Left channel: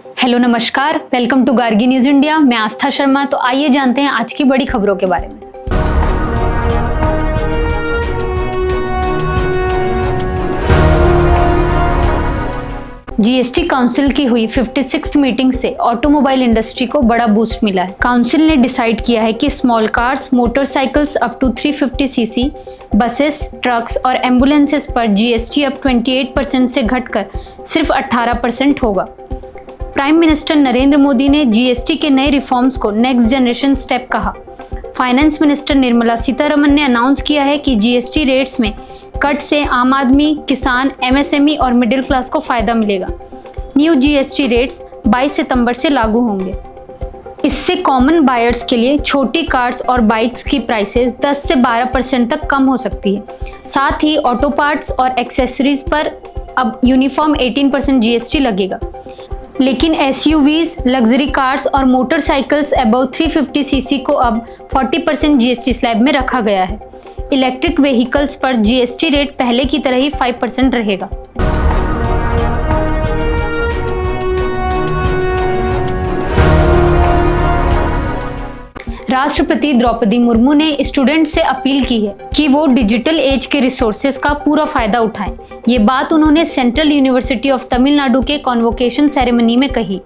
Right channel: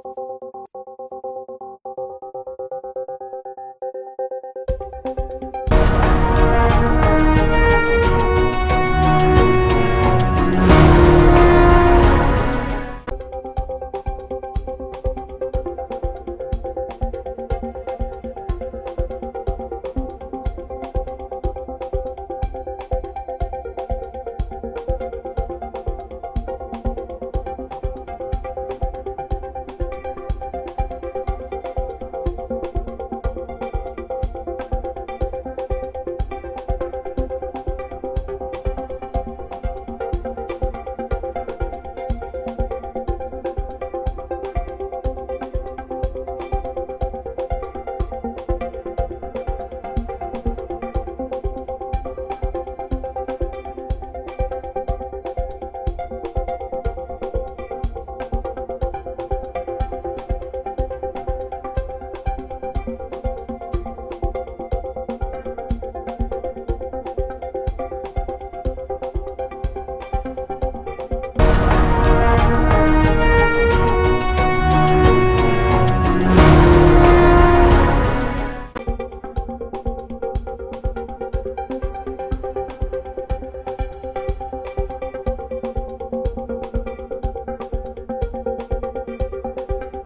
Hello नमस्कार, welcome to Gargi news India. मैं आस्था शर्मा। तो आइए जानते हैं आज की बड़ी खबरों के बारे में। जीएसटी काउंसिल की हुई 56th मीटिंग से ऑटोमोबाइल इंडस्ट्री को बड़ा बूस्ट मिला है। काउंसिल ने डिसाइड किया है कि small cars, motorcycles up to 350 CC, buses, trucks और एम्बुलेंसेस पर जीएसटी अब 28% से घटकर सिर्फ 18% होगा। प्राइम मिनिस्टर नरेंद्र मोदी ने जीएसटी के नए रिफॉर्म्स को नेक्स्ट जनरेशन स्टेप कहा। फाइनेंस मिनिस्टर निर्मला सीतारमण ने अनाउंस किया है कि जीएसटी रेट्स में कट से आम आदमी, किसान, एमएसएमई और मिडिल क्लास को फायदा मिलेगा। न्यू जीएसटी रेट्स 22 सितंबर से लागू होंगे। इससे कॉमन बायर्स के लिए छोटी कार्स और बाइक्स की प्राइसेस 10 से 12% तक कम हो सकती है। साथ ही ऑटो पार्ट्स और एक्सेसरीज पर अब यूनिफॉर्म 18% जीएसटी लगेगा। लेकिन एसयूवीज, लग्जरी कार्स और मोटरसाइकिल्स अबव 350 सीसी को अब 40% जीएसटी स्लैब में रखा गया है। इलेक्ट्रिक व्हीकल्स पर जीएसटी रेट पहले की तरह ही 5% रहेगा। राष्ट्रपति द्रौपदी मुर्मू ने स्टूडेंट से अपील की है कि वो डिजिटल एज के रिसोर्सेज का पूरा फायदा उठाएं। ये बात उन्होंने सेंट्रल यूनिवर्सिटी ऑफ तमिलनाडु के कॉन्वोकेशन सेरेमनी में कही।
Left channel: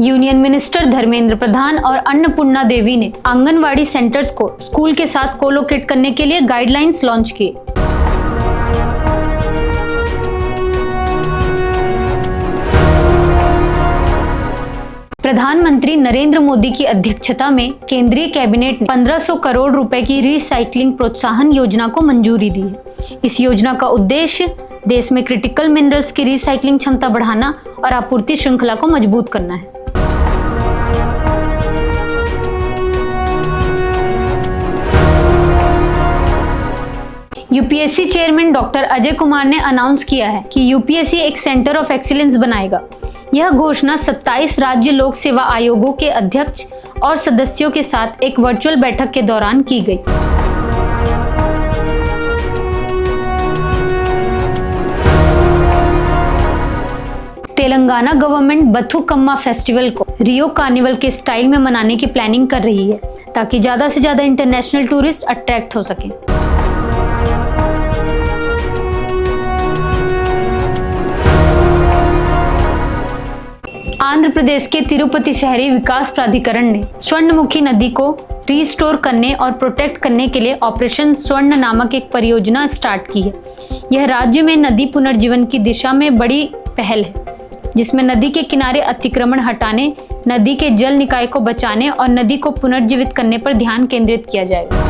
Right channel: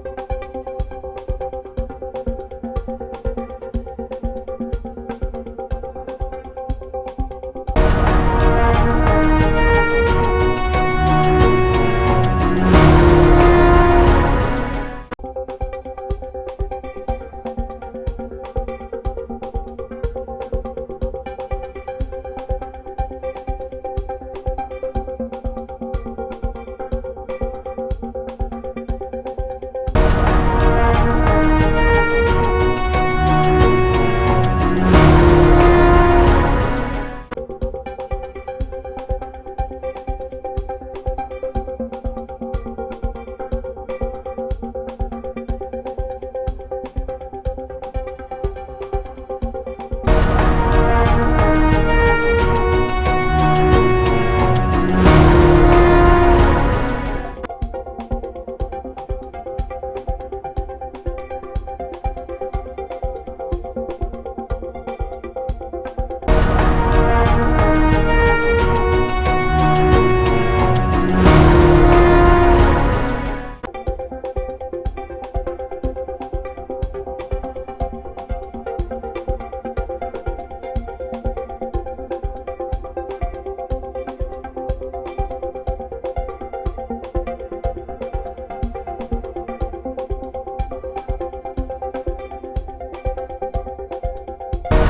यूनियन मिनिस्टर धर्मेंद्र प्रधान और अन्नपूर्णा देवी ने आंगनवाड़ी सेंटर्स को स्कूल के साथ कोलोकेट करने के लिए गाइडलाइंस लॉन्च किए। प्रधानमंत्री नरेंद्र मोदी की अध्यक्षता में केंद्रीय कैबिनेट ने 1500 करोड़ रुपए की रिसाइक्लिंग प्रोत्साहन योजना को मंजूरी दी है। इस योजना का उद्देश्य देश में क्रिटिकल मिनरल्स की रिसाइक्लिंग क्षमता बढ़ाना और आपूर्ति श्रृंखला को मजबूत करना है। UPSC chairman doctor Ajay Kumar ने अनाउंस किया है कि यूपीएससी एक सेंटर ऑफ एक्सीलेंस बनाएगा। यह घोषणा 27 राज्य लोक सेवा आयोगों के अध्यक्ष और सदस्यों के साथ एक वर्चुअल बैठक के दौरान की गई। तेलंगाना गवर्नमेंट बथुकम्मा फेस्टिवल को रियो कार्निवल के स्टाइल में मनाने की प्लानिंग कर रही है ताकि ज्यादा से ज्यादा इंटरनेशनल टूरिस्ट अट्रैक्ट हो सकें। आंध्र प्रदेश के तिरुपति शहरी विकास प्राधिकरण ने स्वर्णमुखी नदी को रिस्टोर करने और प्रोटेक्ट करने के लिए ऑपरेशन स्वर्ण नामक एक परियोजना स्टार्ट की है। यह राज्य में नदी पुनर्जीवन की दिशा में बड़ी पहल है, जिसमें नदी के किनारे अतिक्रमण हटाने, नदी के जल निकाय को बचाने और नदी को पुनर्जीवित करने पर ध्यान केंद्रित किया जाएगा।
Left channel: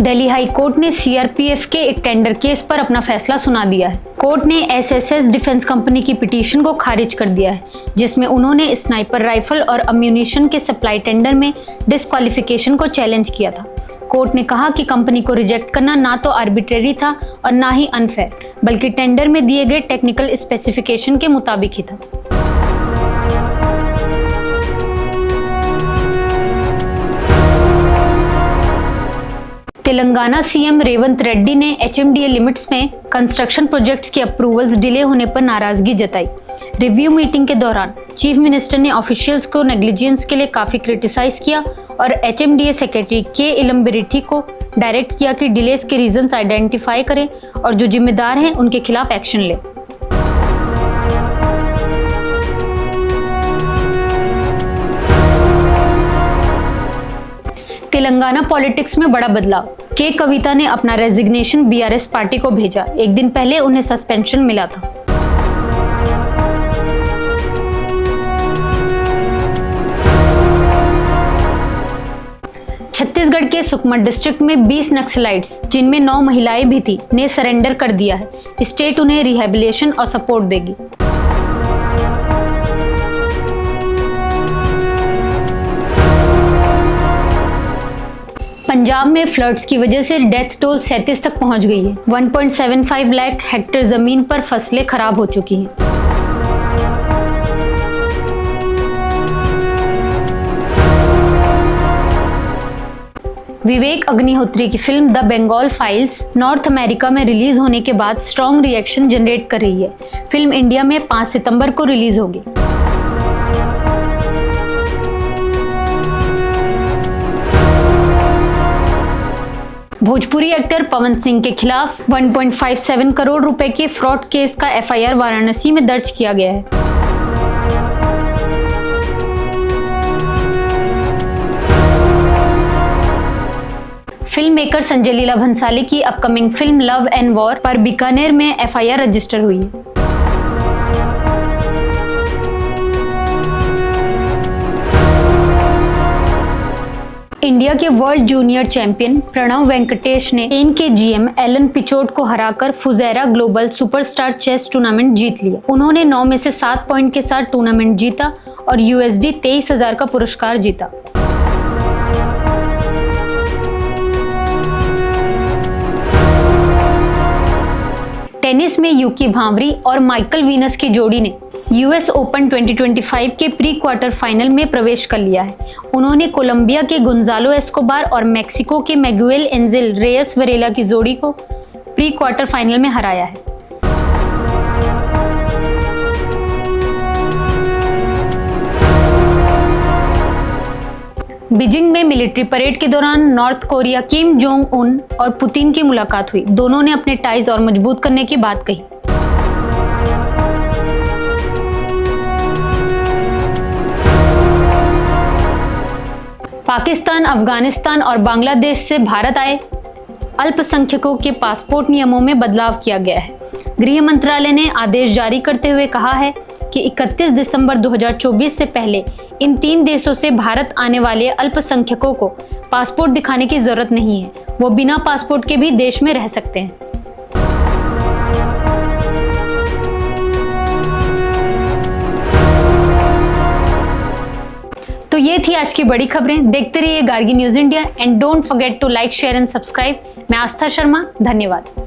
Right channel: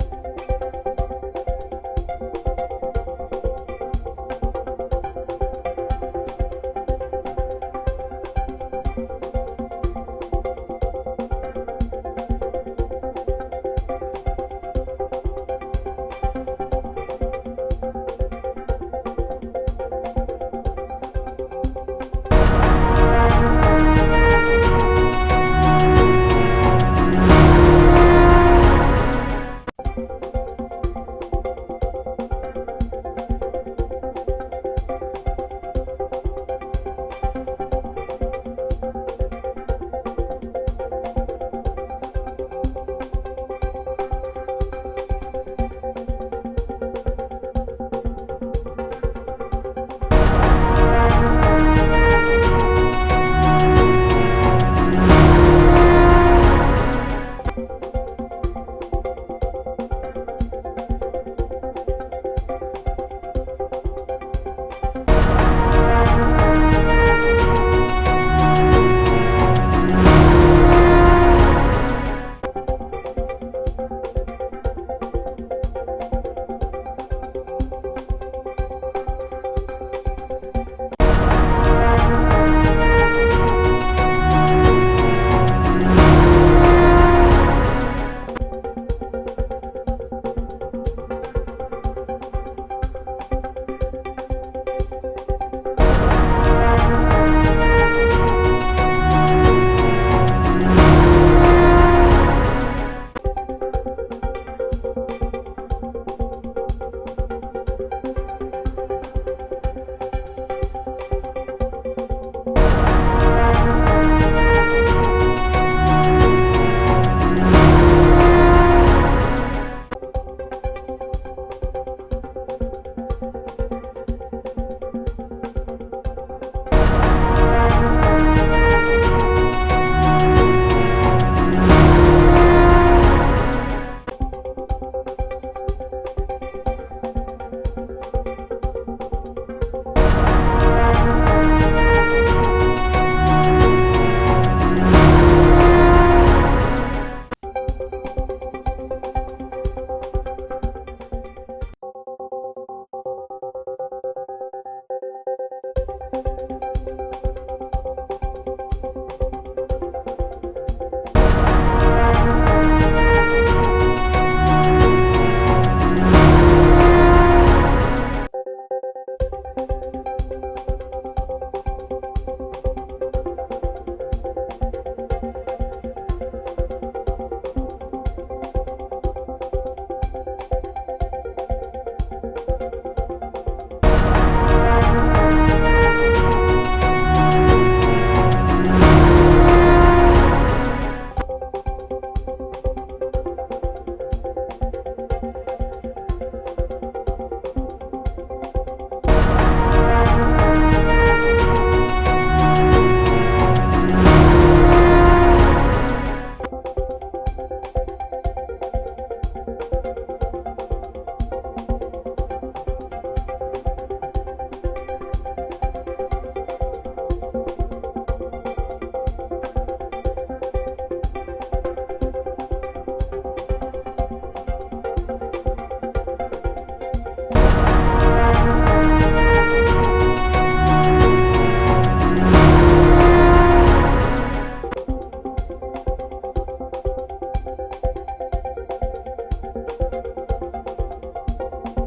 दिल्ली हाई कोर्ट ने सीआरपीएफ के एक टेंडर केस पर अपना फैसला सुना दिया है। कोर्ट ने एसएसएस डिफेंस कंपनी की पिटीशन को खारिज कर दिया है, जिसमें उन्होंने स्नाइपर राइफल और अम्यूनिशन के सप्लाई टेंडर में डिस्क्वालिफिकेशन को चैलेंज किया था। कोर्ट ने कहा कि कंपनी को रिजेक्ट करना ना तो आर्बिट्रेरी था और ना ही अनफेयर, बल्कि टेंडर में दिए गए टेक्निकल स्पेसिफिकेशन के मुताबिक ही था। तेलंगाना सीएम रेवंत रेड्डी ने एचएमडीए लिमिट्स में कंस्ट्रक्शन प्रोजेक्ट्स की अप्रूवल्स डिले होने पर नाराजगी जताई। रिव्यू मीटिंग के दौरान चीफ मिनिस्टर ने ऑफिशियल्स को नेग्लिजेंस के लिए काफी क्रिटिसाइज किया और एचएमडीए सेक्रेटरी के इलम्बरिठी को डायरेक्ट किया कि डिलेस के रीजंस आइडेंटिफाई करें और जो जिम्मेदार हैं उनके खिलाफ एक्शन लें। तेलंगाना पॉलिटिक्स में बड़ा बदलाव। के कविता ने अपना रेजिग्नेशन बीआरएस पार्टी को भेजा। एक दिन पहले उन्हें सस्पेंशन मिला था। छत्तीसगढ़ के सुकमा डिस्ट्रिक्ट में 20 नक्सलाइट्स, जिनमें 9 महिलाएं भी थी, ने सरेंडर कर दिया है। स्टेट उन्हें रिहेबिलिटेशन और सपोर्ट देगी। पंजाब में फ्लड्स की वजह से डेथ टोल 37 तक पहुंच गई है। 1.75 लाख हेक्टेयर जमीन पर फसलें खराब हो चुकी हैं। अग्निहोत्री की film the Bengal files North America में रिलीज होने के बाद स्ट्रॉन्ग रिएक्शन जनरेट कर रही है। फिल्म इंडिया में 5 सितंबर को रिलीज होगी। भोजपुरी एक्टर पवन सिंह के खिलाफ 1.57 करोड़ रुपए के फ्रॉड केस का एफआईआर वाराणसी में दर्ज किया गया है। फिल्म मेकर संजय लीला भंसाली की upcoming film love and war पर बीकानेर में एफआईआर रजिस्टर हुई है। इंडिया के world junior champion Pranav Venkatesh ने स्पेन के जीएम एलन पिचोट को हराकर Fujairah global superstar chess tournament जीत लिया। उन्होंने 9 में से 7 पॉइंट के साथ टूर्नामेंट जीता और USD 23,000 का पुरस्कार जीता। टेनिस में यूकी भांवरी और माइकल वीनस की जोड़ी ने US ओपन 2025 के प्री क्वार्टर फाइनल में प्रवेश कर लिया है। उन्होंने कोलंबिया के गुंजालो एस्कोबार और मेक्सिको के मैगुएल एंजेल रेयस वरेला की जोड़ी को प्री क्वार्टर फाइनल में हराया है। बीजिंग में मिलिट्री परेड के दौरान north Korea Kim Jong Un और पुतिन की मुलाकात हुई। दोनों ने अपने टाइज और मजबूत करने की बात कही। पाकिस्तान, अफगानिस्तान और बांग्लादेश से भारत आए अल्पसंख्यकों के पासपोर्ट नियमों में बदलाव किया गया है। गृह मंत्रालय ने आदेश जारी करते हुए कहा है कि 31 दिसंबर 2024 से पहले इन 3 देशों से भारत आने वाले अल्पसंख्यकों को पासपोर्ट दिखाने की जरूरत नहीं है। वो बिना पासपोर्ट के भी देश में रह सकते हैं। तो ये थी आज की बड़ी खबरें। देखते रहिए Gargi news India and don't forget to like, share and subscribe. मैं आस्था शर्मा, धन्यवाद।